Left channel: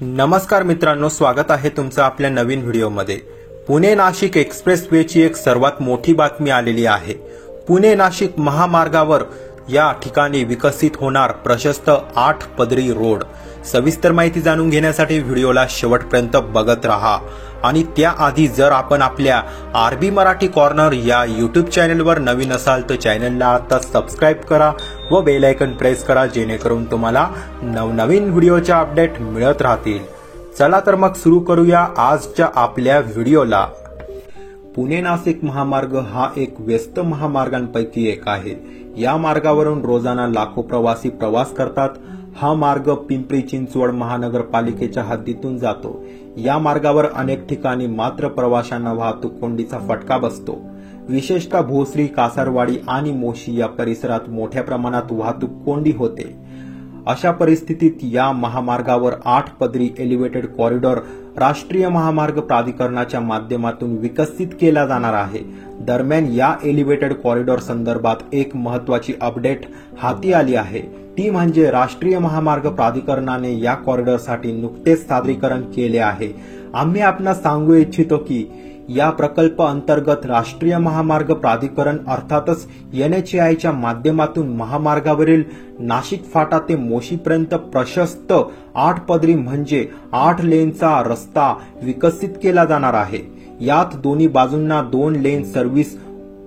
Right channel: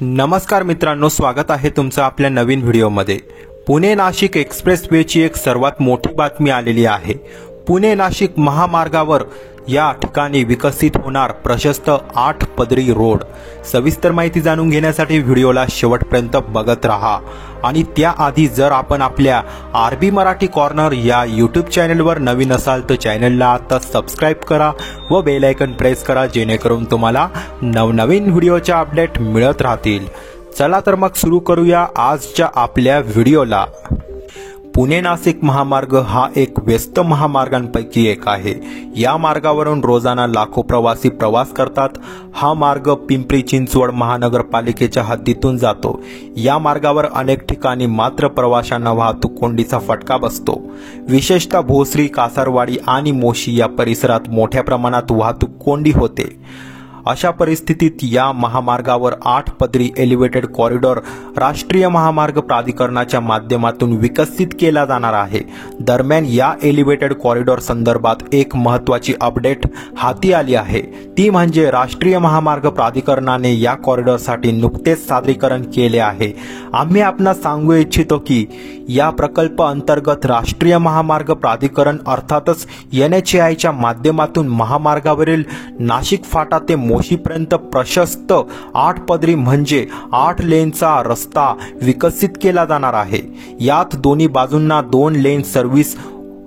नमस्कार मित्रांनो, स्वागत आहे तुमचं आपल्या नवीन व्हिडिओमध्ये। पुणे नाशिक एक्सप्रेसवेची एक सर्वात मोठी बातमी आलेली आहे। पुणे नाशिक महामार्गावर या ठिकाणी विकसित होणार प्रशस्त 8 पदरी रोड। सविस्तर माहिती जाणून घेण्यासाठी व्हिडिओला शेवटपर्यंत बघत राहा। आणि त्याआधी जर आपण आपल्या आरबी मराठी कॉर्नर या यूट्यूब चॅनलवर नवीन असाल तर चॅनलला आता सबस्क्राइब करा व बेल आयकॉन प्रेस करा, जेणेकरून तुम्हाला नवनवीन व्हिडिओचे अपडेट मिळत राहतील। चला तर मग सुरू करूया आजच्या आपल्या व्हिडिओला। पुणे नाशिक महामार्ग हा एक व्यस्त महामार्गांपैकी एक आहे। या मार्गावरून रोजाना लाखो प्रवासी प्रवास करतात। हा मार्ग पिंपरी चिंचवड महानगरपालिकेच्या हद्दीतून जातो। या मार्गावर अनेक ठिकाणी मात्र प्रवाशांना वाहतूक कोंडीचा फटका बसतो। विशेषतः भोसरी, कासारवाडी आणि मोशी या परिसरात मोठ्या प्रमाणात वाहतूक कोंडी होते। अशा परिस्थितीत या महामार्गावर 8 पदरी एलिव्हेटेड कॉरिडॉर राष्ट्रीय महामार्ग प्राधिकरणाच्या माध्यमातून विकसित केला जाणार आहे। दरम्यान या एलिव्हेटेड कॉरिडॉर संदर्भात एक महत्त्वाची अपडेट हाती आली आहे, ती म्हणजे राष्ट्रीय महामार्ग प्राधिकरणाने या कॉरिडॉरसाठी नुकतेच सादरीकरण केले आहे। आम्ही आपणास सांगू इच्छितो की या प्रकल्प अंतर्गत राष्ट्रीय महामार्ग प्राधिकरण अर्थातच NHAIच्या माध्यमातून महामार्गावरील नाशिक फाटा ते मोशीपर्यंत प्रशस्त 8 पदरी म्हणजे 8 लेनचा रस्ता विकसित केला जाणार आहे। यात दोन्ही बाजूंना 2 लेन सर्व्हिस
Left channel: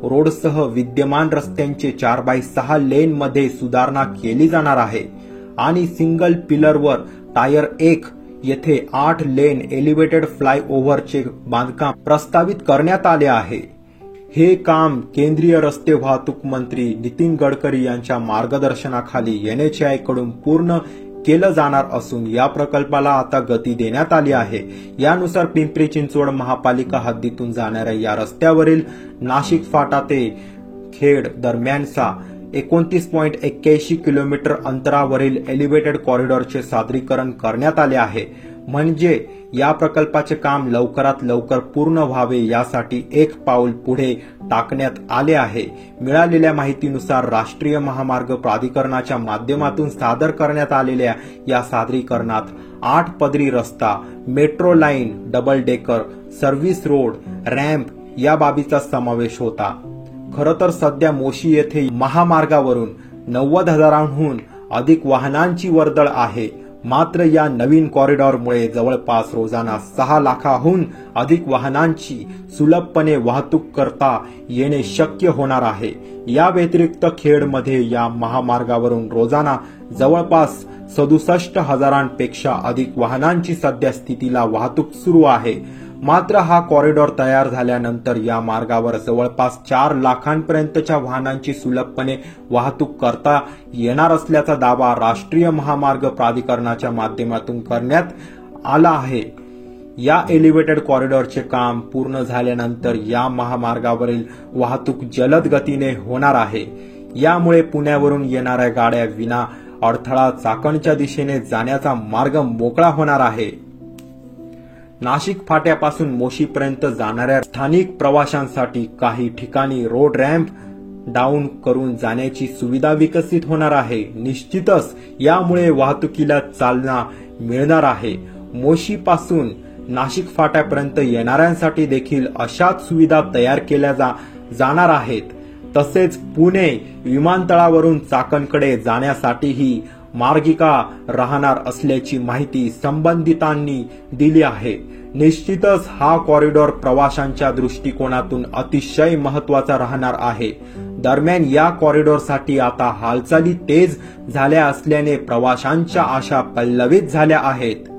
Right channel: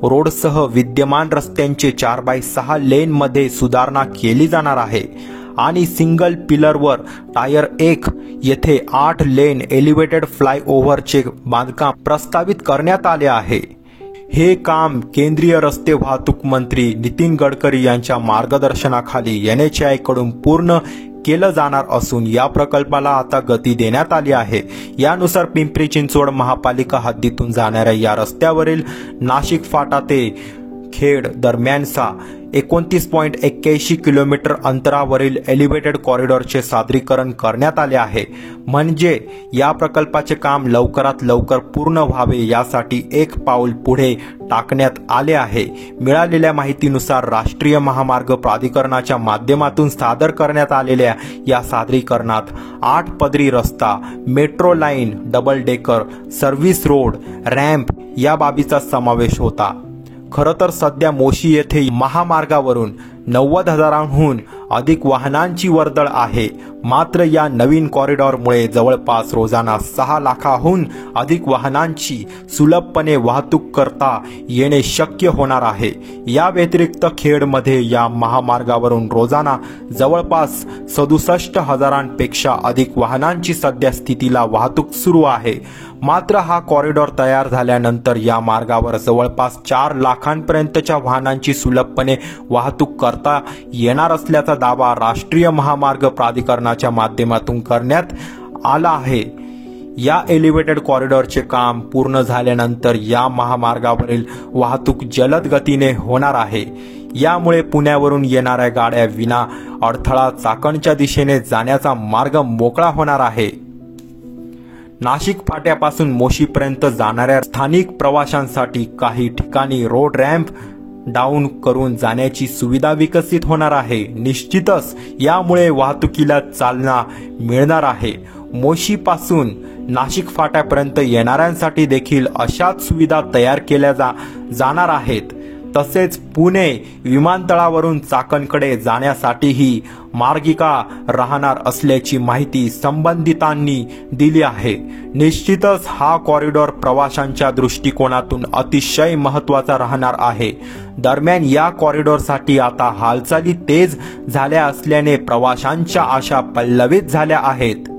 रोडसह विद्यमान रस्त्यांचे 4x6 लेनमध्ये सुधारणा केली जाणार आहे आणि सिंगल पिलरवर टायर 1 येथे 8 लेन एलिव्हेटेड फ्लायओव्हरचे बांधकाम प्रस्तावित करण्यात आले आहे। हे काम केंद्रीय रस्ते वाहतूक मंत्री नितीन गडकरी यांच्या मार्गदर्शनाखाली NHAI कडून पूर्ण केलं जाणार असून या प्रकल्पाला आता गती देण्यात आली आहे। यानुसार पिंपरी चिंचवड महापालिका हद्दीतून जाणाऱ्या या रस्त्यावरील नाशिक फाटा ते खेड दरम्यानचा 29.81 किलोमीटर अंतरावरील एलिव्हेटेड कॉरिडॉरचे सादरीकरण करण्यात आले आहे। म्हणजे या प्रकल्पाचे काम लवकरात लवकर पूर्ण व्हावे यासाठी एक पाऊल पुढे टाकण्यात आले आहे। मिळालेल्या माहितीनुसार राष्ट्रीय महामार्ग प्राधिकरणाच्या माध्यमातून सादर करण्यात आलेल्या या सादरीकरणात 8 पदरी रस्ता, metro line, double decker, service road, ramp या बाबीचा समावेश होता। खरं तर सध्या मोशी येथे महामार्गावरून 90,000हून अधिक वाहनांची वर्दळ आहे। मात्र या नवीन कॉरिडॉरमुळे जवळपास रोजाना 6 लाखाहून अधिक वाहनांची सुलभपणे वाहतूक करता येणे शक्य होणार आहे। या व्यतिरिक्त खेडमध्ये या महामार्गावरून रोजाना जवळपास 67,000पेक्षा अधिक वाहनांची सध्या स्थितीला वाहतूक सुरू आहे। मात्र हा कॉरिडॉर तयार झाल्यानंतर या मार्गावर जवळपास 4 लाखांपर्यंतच्या वाहनांची सुलभपणे वाहतूक करता येणार असल्याचा दावा राष्ट्रीय महामार्ग प्राधिकरणाच्या माध्यमातून करण्यात आला आहे। या एलिव्हेटेड कॉरिडॉरचे काम पूर्ण झाल्यानंतर या महामार्गावरील वाहतूक जलद गतीने होणार आहे। यामुळे पुण्यावरून येणाऱ्या गाड्या विना अडथळा चाकणच्या दिशेने जाण्याचा मार्ग मोकळा होणार आहे। नाशिक फाट्यापासून मोशीपर्यंत जाणाऱ्या स्थानिक प्रवाशांसाठी काही ठिकाणी रोड रॅम्प डाऊन करून जाण्याची सुविधा विकसित होणार आहे। निश्चितच यामुळे वाहतुकीला चालना मिळणार आहे। मोशीपासून नाशिक फाट्यापर्यंत येणाऱ्यांसाठी देखील अशाच सुविधा तयार केल्या जाणार आहेत। तसेच पुणे विमानतळावरून चाकणकडे जाण्यासाठीही मार्गिका राहणार असल्याची माहिती संबंधितांनी दिली आहे। निश्चितच हा कॉरिडॉर प्रवाशांच्या दृष्टिकोनातून अतिशय महत्त्वाचा राहणार आहे। दरम्यान या कॉरिडॉरसाठी आता हालचाली तेज झाल्या असल्याने प्रवाशांच्या आशा पल्लवित झाल्या आहेत।